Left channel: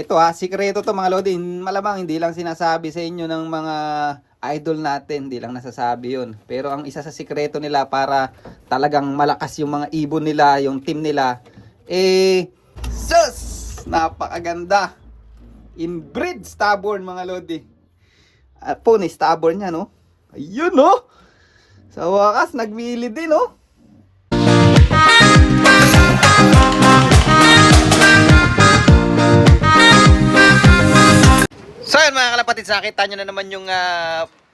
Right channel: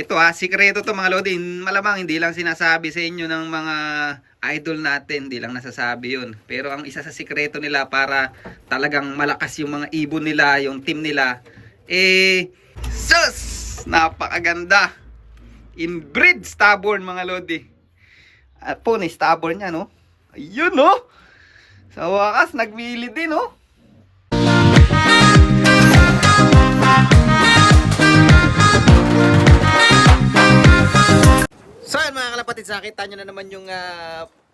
Ito sikreto to mga lodi. Malamang hindi lang sinasabi sa inyo ng mga idol natin, hindi lang nasasabi yun. Pero ang isa sa sikreto nila para talagang malakas yung mga ibon nila, yung team nila, sus! Napakaganda! Inbreed stubborn mga lodi. Pony stubborn niya, no? Ayun, no? Sa wakas, nagmili din, no? So yan mga kalapatid, nakita nyo na naman yung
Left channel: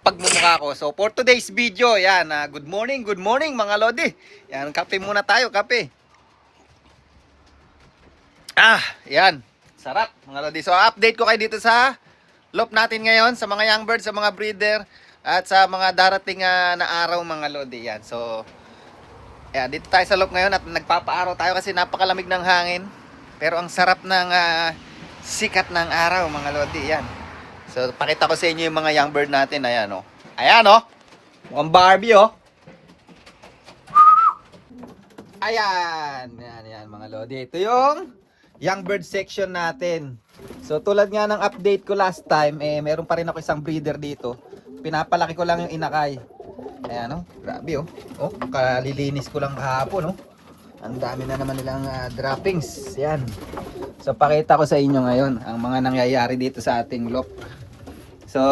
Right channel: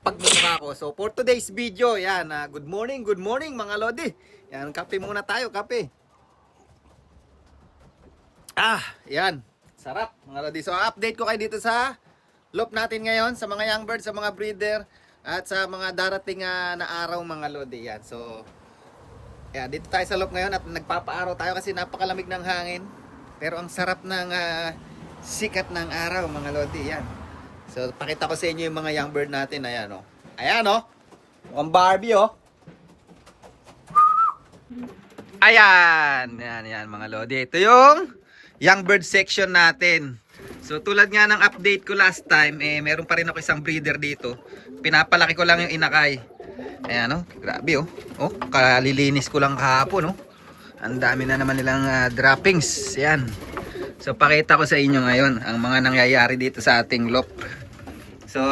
pagmumukha ko. So for today's video, yan, good morning mga lodi. Yan, kape muna tayo, kape. Yan, sarap mga lodi. So update ko kayo dito sa loop natin ngayon, sa mga young birds, sa mga breeder, at sa mga darating na araw mga lodi. Yan, so yan, dito tayo sa loop ngayon at nagpapaaraw tayo kasi napakalamig ng hangin. Pero ang sarap ng sikat ng araw mga lodi, yan. So, pakita ko sa inyo yung mga young bird natin. Ayan, oh. Ayan, oh. Mukhang Barbie, oh. Ayan. Yan, mga lodi. Ito yung young bird section natin. So, tulad nga ng update ko last time, meron pa rin ako isang breeder dito. Pinapalaki ko lang yung inakay. Ayan, oh. Grabe, oh. Oh, kalilinis ko lang kahapon, oh. Ang dami na naman nilang droppings. Ayan. So, pakita ko sa inyo ngayon ang mga nangyayari dito sa ating loop. So,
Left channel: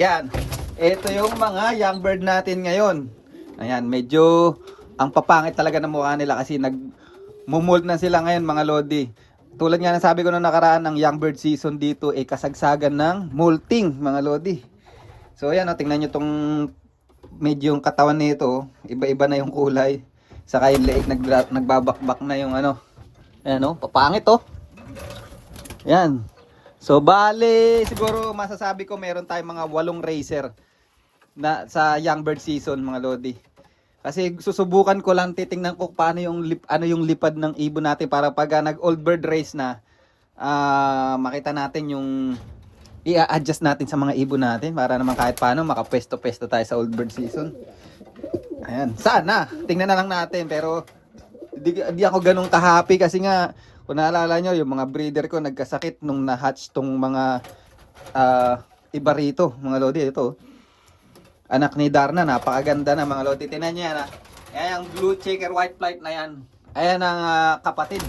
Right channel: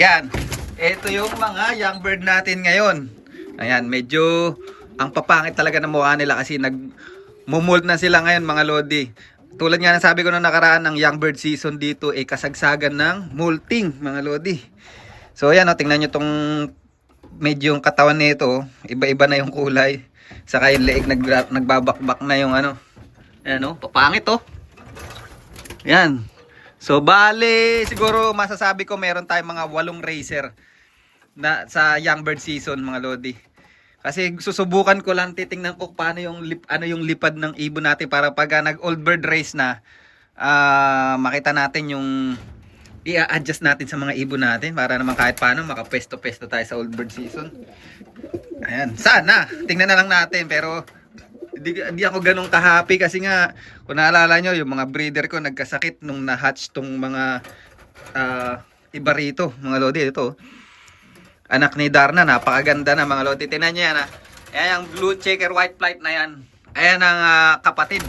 yan. Ito yung mga young bird natin ngayon. Ayan, medyo ang papangit talaga ng mukha nila kasi nag-mold na sila ngayon mga lodi. Tulad nga ng sabi ko na nakaraan, ng young bird season dito kasagsagan ng molting mga lodi. So, ayan, tingnan nyo tong medyo yung katawan nito. Iba-iba na yung kulay. Saka yung leeg nagbabakbak na yung ano. Ayan, papangit, oh. Ayan. So, bale, siguro masasabi ko meron tayong mga 8 racer na sa young bird season mga lodi. Kasi susubukan ko lang, titingnan ko paano yung yung lipad ng ibon natin para pag nag old bird race na makita natin yung i-adjust natin sa mga ibon natin para naman kahit paano makapwesto-pwesto tayo sa old bird season. Ayan, sana tingnan na lang natin, pero hindi ako ganun ka-happy kasi nga kung naalala nyo, yung mga breeder ko nagkasakit nung na-hatch tong mga iba rito, mga lodi. Ito, anak ni Darna, napakaganda na mga lodi. Tingnan nyo yan, Ayan yung blue checker white flight na yan. Ayan ang kapatid.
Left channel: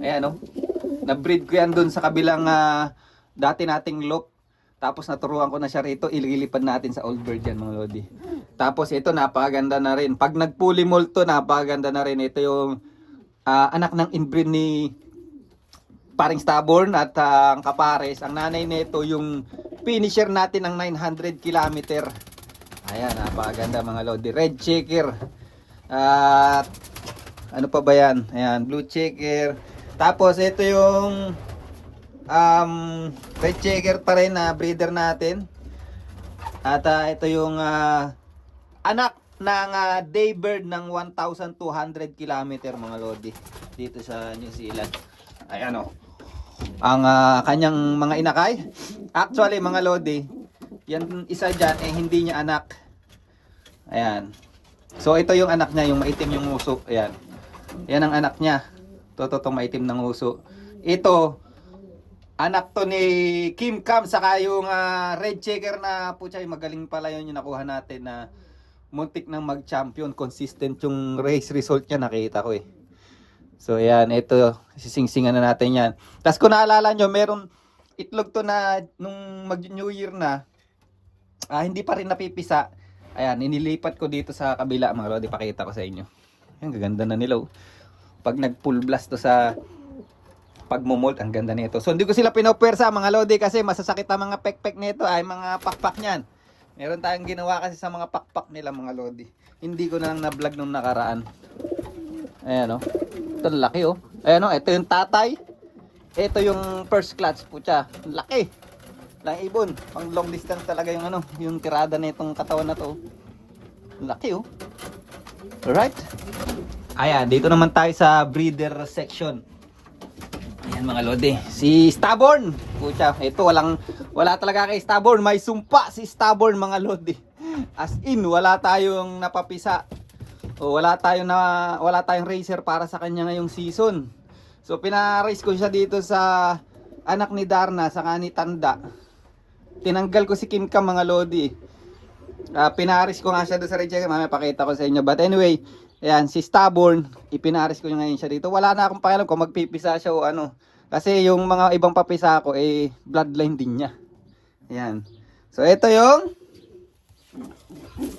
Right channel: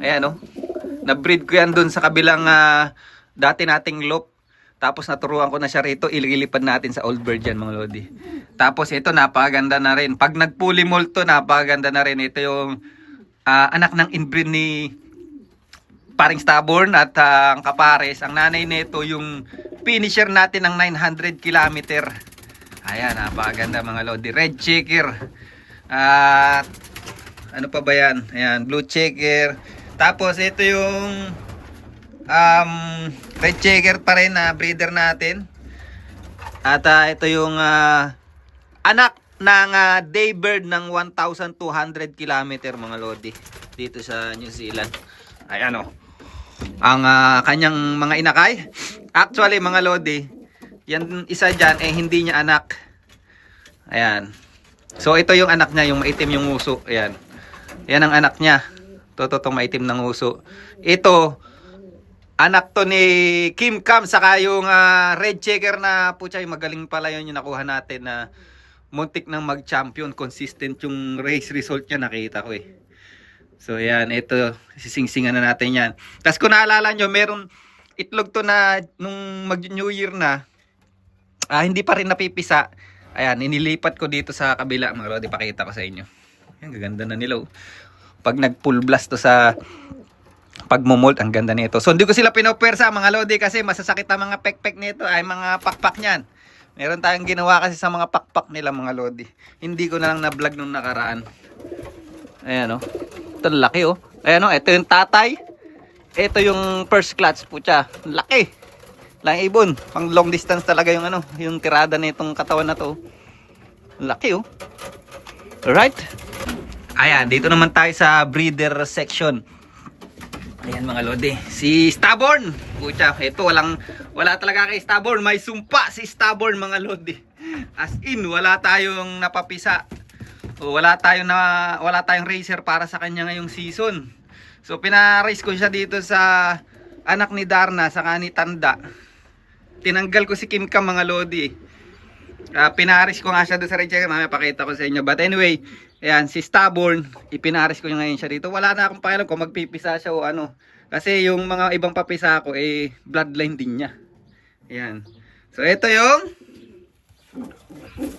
Ayan, na-breed ko yan dun sa kabilang dati nating loop. Tapos naturuan ko na siya rito, ililipad natin sa old bird yan mga lodi. Tapos ito, napakaganda na rin. Pag nag-fully molt to, napakaganda na rin. Ito yung anak ng inbreed ni paring stubborn at ang kapares. Ang nanay nito yung finisher natin ng 900 kilometer. Ayan, napakaganda mga lodi. Red checker. Ano pa ba yan? Ayan, blue checker. Tapos ito yung red checker pa rin na breeder natin. At ito yung anak ng daybird ng 1,200 kilometer mga lodi dito sa New Zealand. Ayan, ang kanyang mga inakay. Actually mga lodi, yan isa dyan hindi niya anak. Ayan. So ito yung anak niya, yung maitim yung uso. Ayan. Yan ang anak niya. Totoo maitim ng uso. Ito anak to ni Kim Cam, saka yung red checker na putya, magaling pala yun yung nakuha natin na muntik nang mag-champion. Consistent yung race result niya, nakita ko . So ayan, ito, sisingsingan na natin yan. Tapos kung naalala nyo, meron itlog to na nung mag-New Year na, hindi pa rin napipisa. Ayan, inilipat ko dito sa kabila mga lodi, pakita ko sa inyo. Ayan, gaganda na nila. Pag nag-full blast to sa pagmumold, ang ganda nito. So hindi ko sila pinopwersa mga lodi kasi masasakit ang mga pekpek nito, ay mga pakpak niyan. Meron tayong ginawa kasi sa mga pakpak nila mga lodi. Hindi ko na lang na-vlog nung nakaraan. Ayan, ito laki, Ayan, ito yung tatay. Ito yung first clutch, putya. Laki. Lang ibon. Pang long distance talaga yung yung tirada nitong katawan na to. Laki, Alright. Ayan, dito naman tayo sa breeder section. Ayan mga lodi, si Stubborn. Pucha, ito wala talaga kay Stubborn. May sumpa si Stubborn mga lodi. As in, wala tayong napapisa. O wala tayong racer para sa kanya ngayong season. So pina-race ko siya dito sa anak ni Darna sa ni Tanda. Tinanggal ko si Kim Cam mga lodi. Pinaris ko nga siya doon sa red checker, mamaya pakita ko sa inyo. But anyway, ayan, si Stubborn, ipinaris ko ngayon siya dito. Wala na akong pakialam kung magpipisa siya o ano. Kasi yung mga ibang papisa ko, bloodline din niya. Ayan. So ito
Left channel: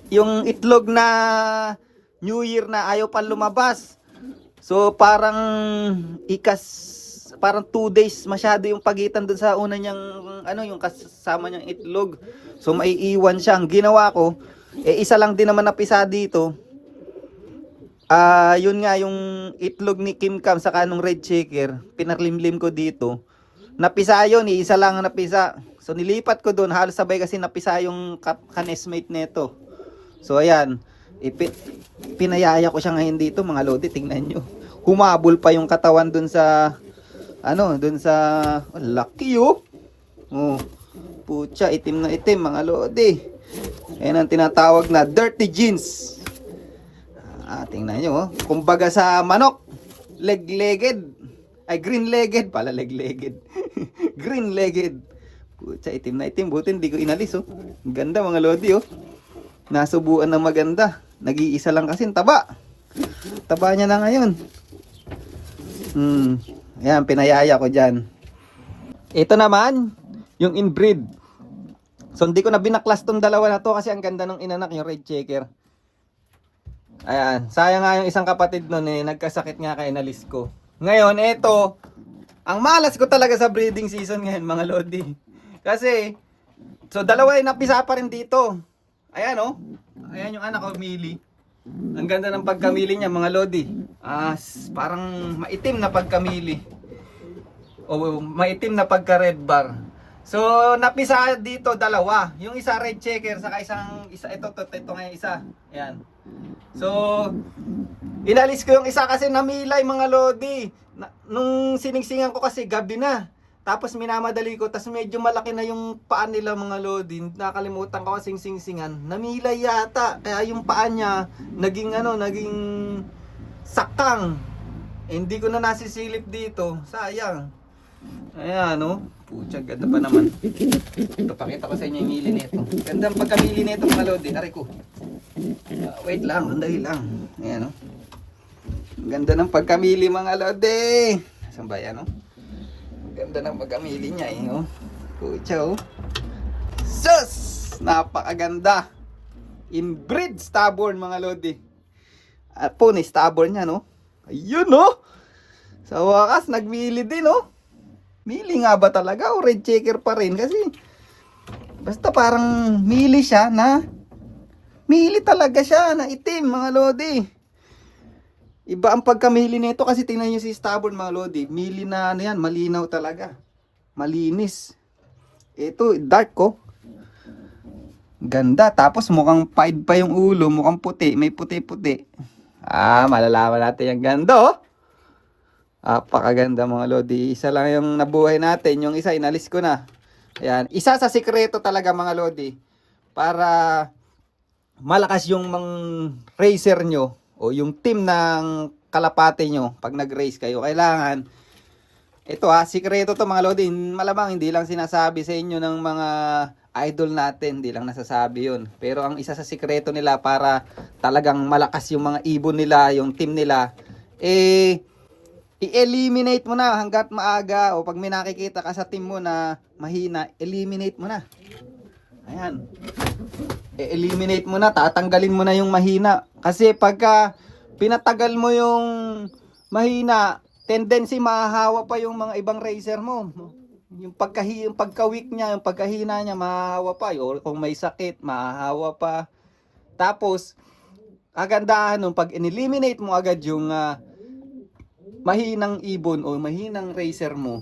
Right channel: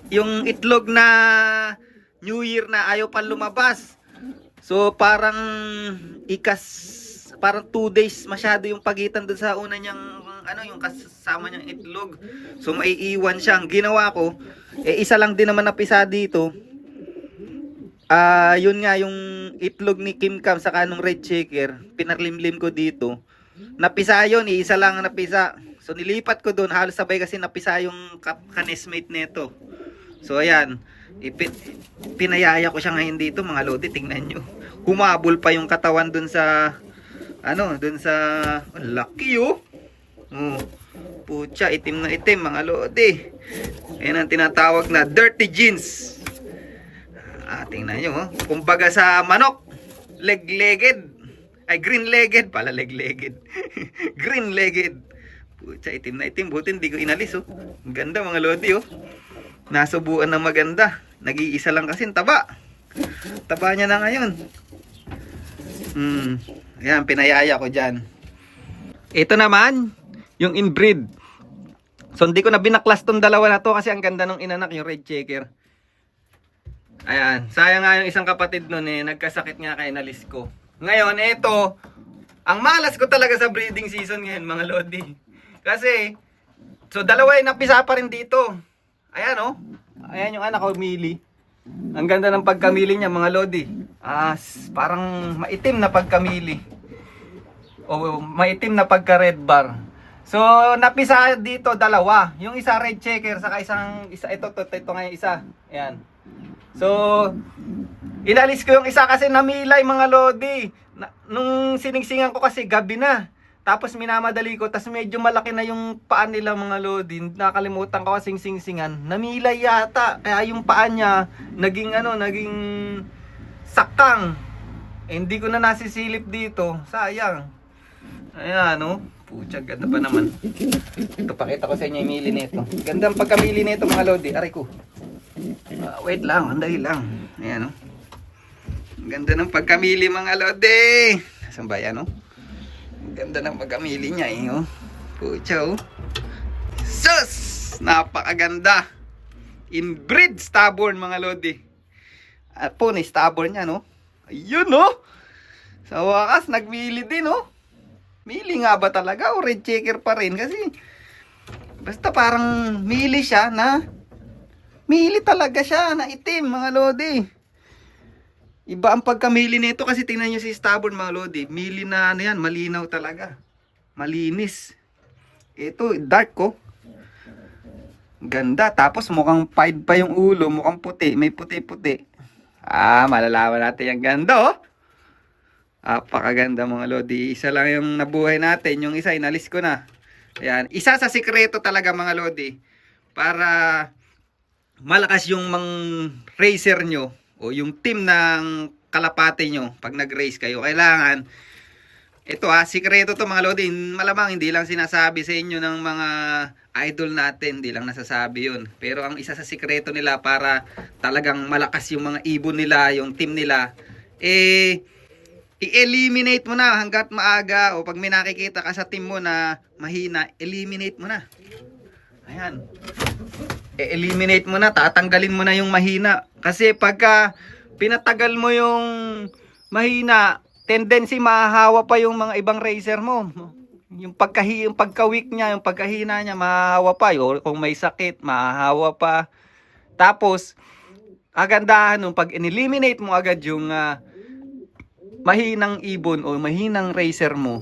yung itlog na New Year na ayaw pa lumabas. So parang parang 2 days masyado yung pagitan doon sa una niyang yung kasama niyang itlog. So maiiwan siya. Ang ginawa ko, isa lang din naman napisa dito. Yun nga yung itlog ni Kim Cam sa kanong red checker, pinarlimlim ko dito. Napisa yun, isa lang napisa. So nilipat ko doon, halos sabay kasi napisa yung kanesmate neto. So ayan, pinayaya ko siya ngayon dito mga lodi, tingnan nyo. Humabol pa yung katawan doon sa lucky oh. Oh, pucha, itim na itim mga lodi. Ayan ang tinatawag na dirty jeans. Tingnan nyo oh. Kumbaga sa manok, leg-legged. Ay, green-legged pala, leg-legged. Green-legged. Pucha, itim na itim. Buti hindi ko inalis oh. Ang ganda mga lodi oh. Nasubuan ng maganda. Nag-iisa lang kasi taba. Taba niya na ngayon. Ayan, pinayaya ko dyan. Ito naman, yung inbreed. So, hindi ko na binaklas tong dalawa na to kasi ang ganda ng inanak, yung red checker. Ayan, sayang nga yung isang kapatid nun nagkasakit nga kaya inalis ko. Ngayon, ito, ang malas ko talaga sa breeding season ngayon, mga lodi. Kasi, so dalawa yung napisa pa rin dito. Ayan oh, ayan yung anak ko, Mili. Ang ganda ng pagkamili niya mga lodi. Parang maitim na pagkamili. O maitim na pagka red bar. So napisa dito dalawa. Yung isa red checker saka isa ito nga yung isa. Ayan. So inalis ko yung isa kasi namilay mga lodi. Nung siningsingan ko kasi gabi na. Tapos minamadali ko, tas medyo malaki na yung paan nila mga lodi. Nakalimutan ko kasing singsingan. Namilay yata. Kaya yung paan niya naging sakang. Hindi ko na nasisilip dito. Sayang. Ayan oh. Pucha, ganda pa naman. Ito, pakita ko sa inyo yung mili nito. Ganda ang pagkamili nito mga lodi. Aray ko. Wait lang, andali lang. Ayan oh. Ganda ng pagkamili mga lodi. Saan ba yan oh? Ganda ng pagkamili niya oh. Pucha oh. Sus! Napakaganda. Inbreed stubborn mga lodi. Pony stubborn niya no. Ayun oh. Sa wakas nagmili din oh. Mili nga ba talaga o red checker pa rin? Kasi basta parang mili siya na mili talaga siya na itim mga lodi. Iba ang pagkamili nito kasi tingnan niyo si stubborn mga lodi. Mili na yan, malinaw talaga. Malinis. Ito dark ko. Ganda. Tapos mukhang pied pa yung ulo. Mukhang puti. May puti-puti. Malalaman natin yung ganda oh. Apakaganda mga lodi. Isa lang yung nabuhay natin. Yung isa inalis ko na. Ayan. Isa sa sikreto talaga mga lodi. Para malakas yung racer nyo. O yung team ng kalapate nyo. Pag nag-race kayo. Kailangan. Ito sikreto to mga lodi. Malamang hindi lang sinasabi sa inyo ng mga idol natin. Hindi lang nasasabi yun. Pero ang isa sa sikreto nila para talagang malakas yung mga ibon nila. Yung team nila. I-eliminate mo na hanggat maaga o pag may nakikita ka sa team mo na mahina, eliminate mo na. Ayan. I-eliminate mo na, tatanggalin mo na yung mahina. Kasi pagka pinatagal mo yung mahina, tendency mahahawa pa yung mga ibang racer mo. Yung pagka-weak niya, yung pagkahina niya, mahahawa pa. O kung may sakit, mahahawa pa. Tapos, agandahan nung pag in-eliminate mo agad yung mahinang ibon o mahinang racer mo,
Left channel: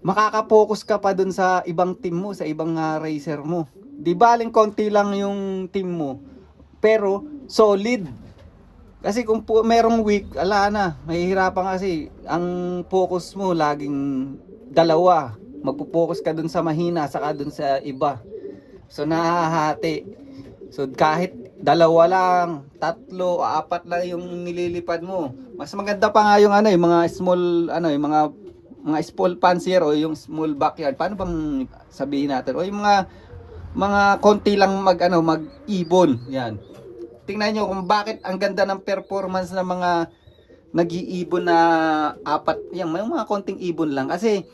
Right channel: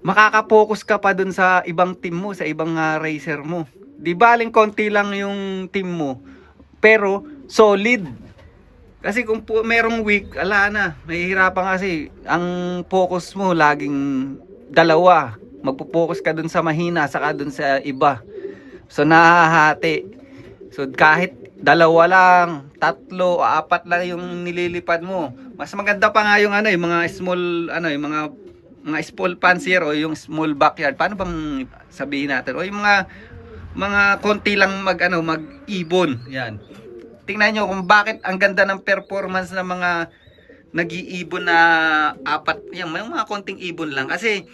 makaka-focus ka pa dun sa ibang team mo, sa ibang racer mo. Di baling konti lang yung team mo, pero solid. Kasi kung merong weak, ala na, mahihirapan kasi ang focus mo laging dalawa. Magpo-focus ka dun sa mahina, saka dun sa iba. So nahahati. So kahit dalawa lang, tatlo, apat lang yung nililipad mo. Mas maganda pa nga yung ano, yung mga small ano, yung mga small fancier o yung small backyard. Paano bang sabihin natin? O yung mga konti lang mag-ibon. Yan. Tingnan nyo kung bakit ang ganda ng performance ng mga nag-iibon na apat, yung mga konting ibon lang. Kasi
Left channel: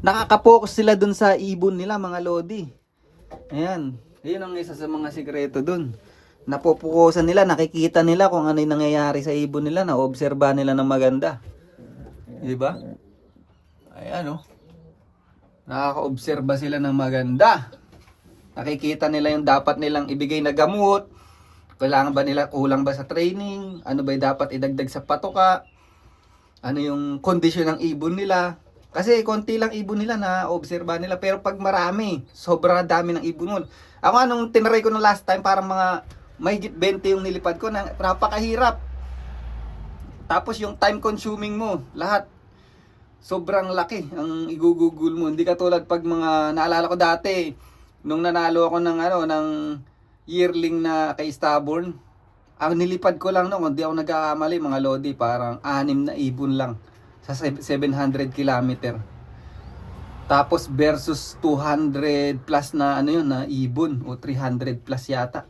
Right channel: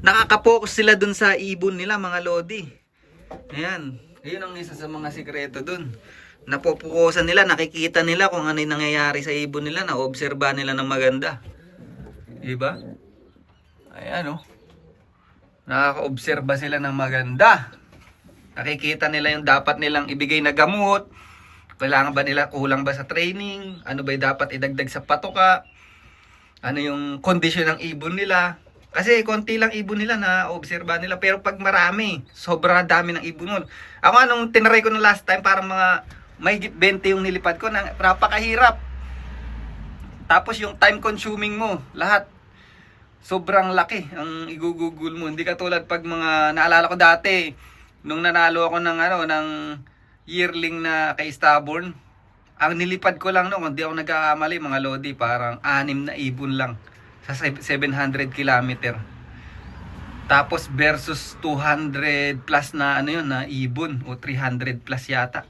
nakaka-focus sila dun sa ibon nila, mga lodi. Ayan. Ayun ang isa sa mga sikreto dun. Napopukusan nila, nakikita nila kung ano yung nangyayari sa ibon nila, na-obserba nila ng maganda. Diba? Ayan, oh. Nakaka-obserba sila ng maganda. Nakikita nila yung dapat nilang ibigay na gamot. Kailangan ba nila, kulang ba sa training? Ano ba yung dapat idagdag sa patoka? Ano yung kondisyon ng ibon nila? Kasi konti lang ibon nila na obserba nila. Pero pag marami, sobra dami ng ibon mo. Ako anong tinaray ko no last time, parang mga mahigit 20 yung nilipad ko. Napakahirap. Tapos yung time consuming mo, lahat. Sobrang laki ang igugugol mo. Hindi katulad pag mga naalala ko dati, nung nanalo ako ng yearling na kay Stubborn, ang nilipad ko lang noon, hindi ako nagkakamali mga lodi, parang 6 na ibon lang sa 700 kilometer. Tapos versus 200 plus na ano yun, na ibon, o 300 plus yata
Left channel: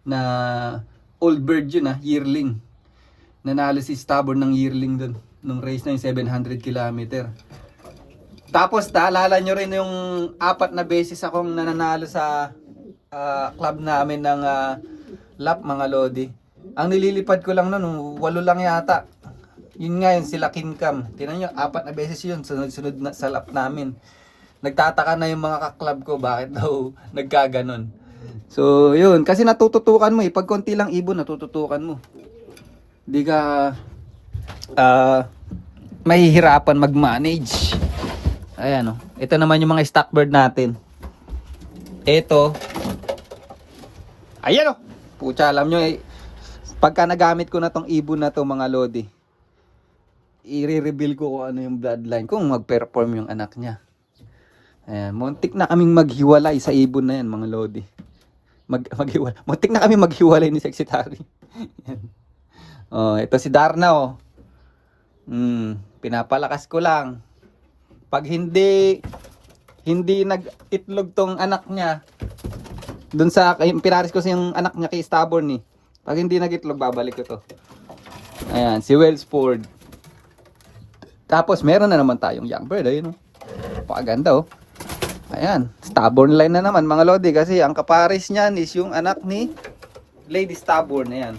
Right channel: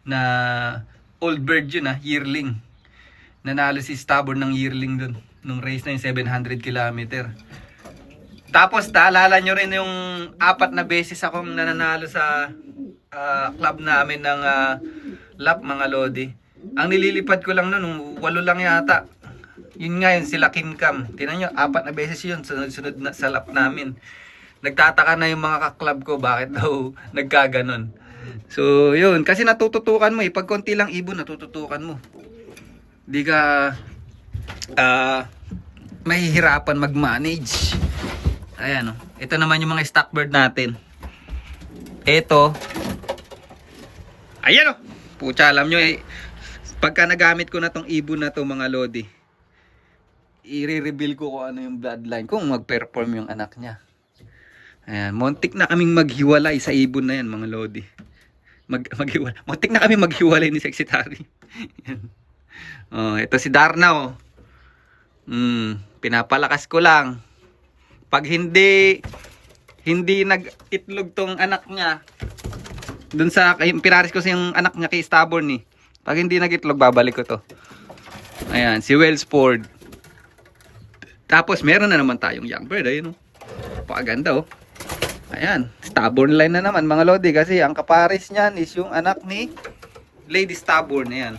na old bird yun, yearling. Nanalo si Stubborn ng yearling dun nung race na yung 700 kilometer. Tapos naalala nyo rin yung 4 na beses akong nananalo sa club namin ng lap, mga lodi. Ang nililipad ko lang noon, 8 lang yata. Yun nga yun, sila Kincam. Tingnan nyo, 4 na beses yun, sunod-sunod na sa lap namin. Nagtataka na yung mga kaklub ko, bakit daw nagkaganon. So yun, kasi natututukan mo pag konti lang ibon, natututukan mo. Di ka mahihirapan mag-manage. Ayan, oh. Ito naman yung mga stock bird natin. Ito. Ayan, oh. Pucha, alam nyo pagka nagamit ko na tong ibon na to, mga lodi, i-reveal ko kung ano yung bloodline, kung mag-perform yung anak niya. Ayan, muntik na kaming maghiwalay sa ibon na yan, mga lodi. Maghiwalay. Muntik na kami maghiwalay ni Secretary. Oh, ito si Darna, oh. Pinapalakas ko lang. Pag hindi nag-itlog tong anak niya, dun sa pinaris ko sa yung anak niya kay Stubborn pag hindi nag-itlog, babalik ko to. Ayan, si Wellsford. Tapos meron na naman tayong young bird, ayun, oh. Pakaganda, oh. Ayan, Stubborn line na naman, mga lodi, kasi ang kaparis niyan is yung anak ni Lady Stubborn. Ayan.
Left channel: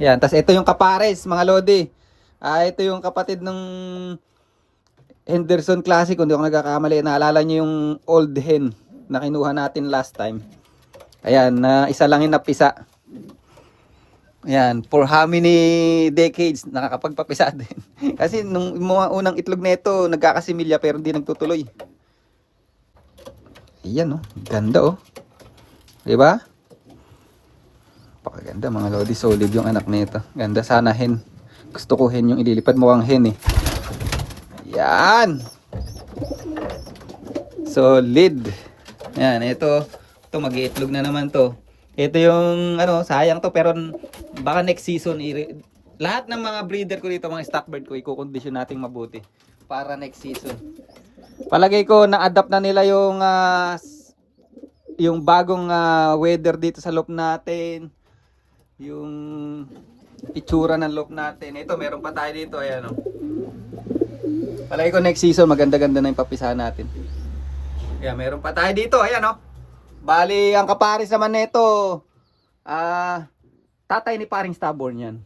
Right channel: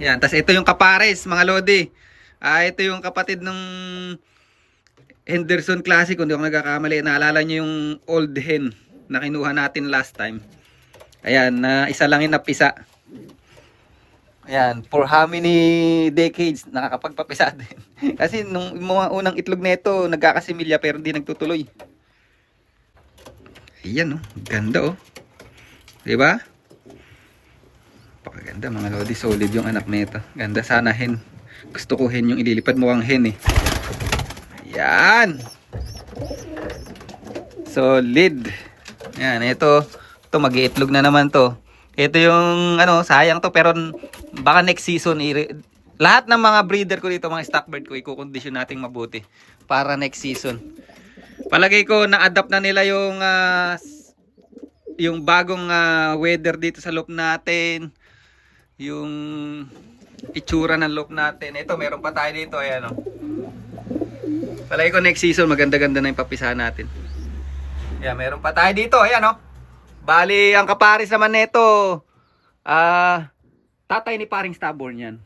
Ayan, tas ito yung kapares, mga lodi. Ito yung kapatid ng Henderson Classic, kung di ako nagkakamali. Naalala nyo yung old hen na kinuha natin last time. Ayan, na isa lang yung napisa. Ayan, for how many decades nakakapagpapisa din. Kasi nung mga unang itlog nito, nagkakasimilya pero hindi nagtutuloy. Ayan, oh, ganda, oh. Diba? Pakaganda, mga lodi, solid yung anak nito. Ganda, sana hen. Gusto ko hen yung ililipad, mo ang hen Ayan. Solid. Ayan, ito mag-iitlog na naman to. Ito yung sayang to, pero baka next season lahat ng mga breeder ko dito, mga stock bird ko, i-condition nating mabuti para next season. Palagay ko na-adapt na nila yung bagong weather dito sa loop natin. Yung itsura ng loop natin. Ito, meron pa tayo dito, ayan, oh. Palagay ko next season maganda-ganda na yung papisahan natin. Ayan, meron pa tayo dito, ayan, oh. Bali, ang kaparis naman nito, tatay ni paring Stubborn yan.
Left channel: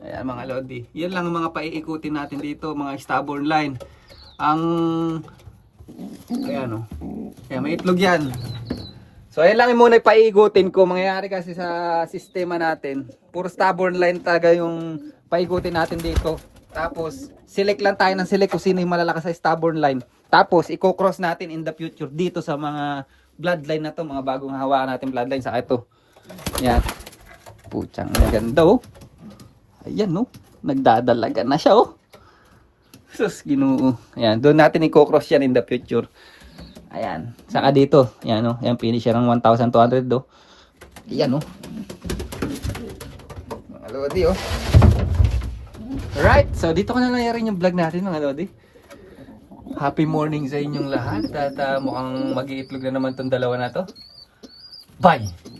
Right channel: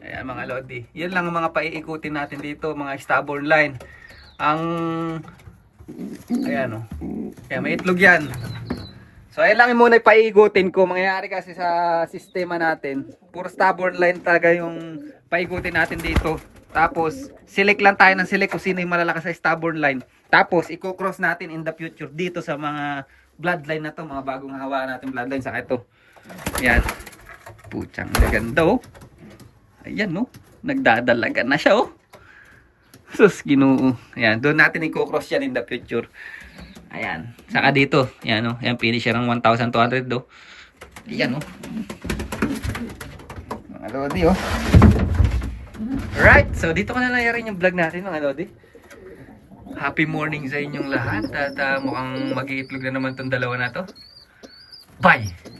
Ayan, mga lodi. Yan lang ang mga paiikutin natin dito, mga Stubborn line. Ayan, oh. Ayan, may itlog yan. So, ayan lang muna yung paiikutin ko. Mangyayari kasi sa sistema natin, puro Stubborn line talaga yung paikutin natin dito. Tapos, select lang tayo ng select kung sino yung malalakas sa Stubborn line. Tapos, i-cross natin in the future dito sa mga bloodline na to, mga bagong hawakan natin bloodline. Saka ito. Ayan. Putsang naganda, oh. Ayan, no. Nagdadalaga na siya, oh. Sus, Ginoo. Ayan, doon natin i-cross yan in the future. Ayan. Saka dito. Yan o. Yan finisher ng 1,200 do. Yan o. Mga lodi o. Alright. So dito ko na layarin yung vlog natin mga lodi. Happy morning sa inyong lahat. At mukhang mag-iitlog na naman tong dalawa na to. Bye!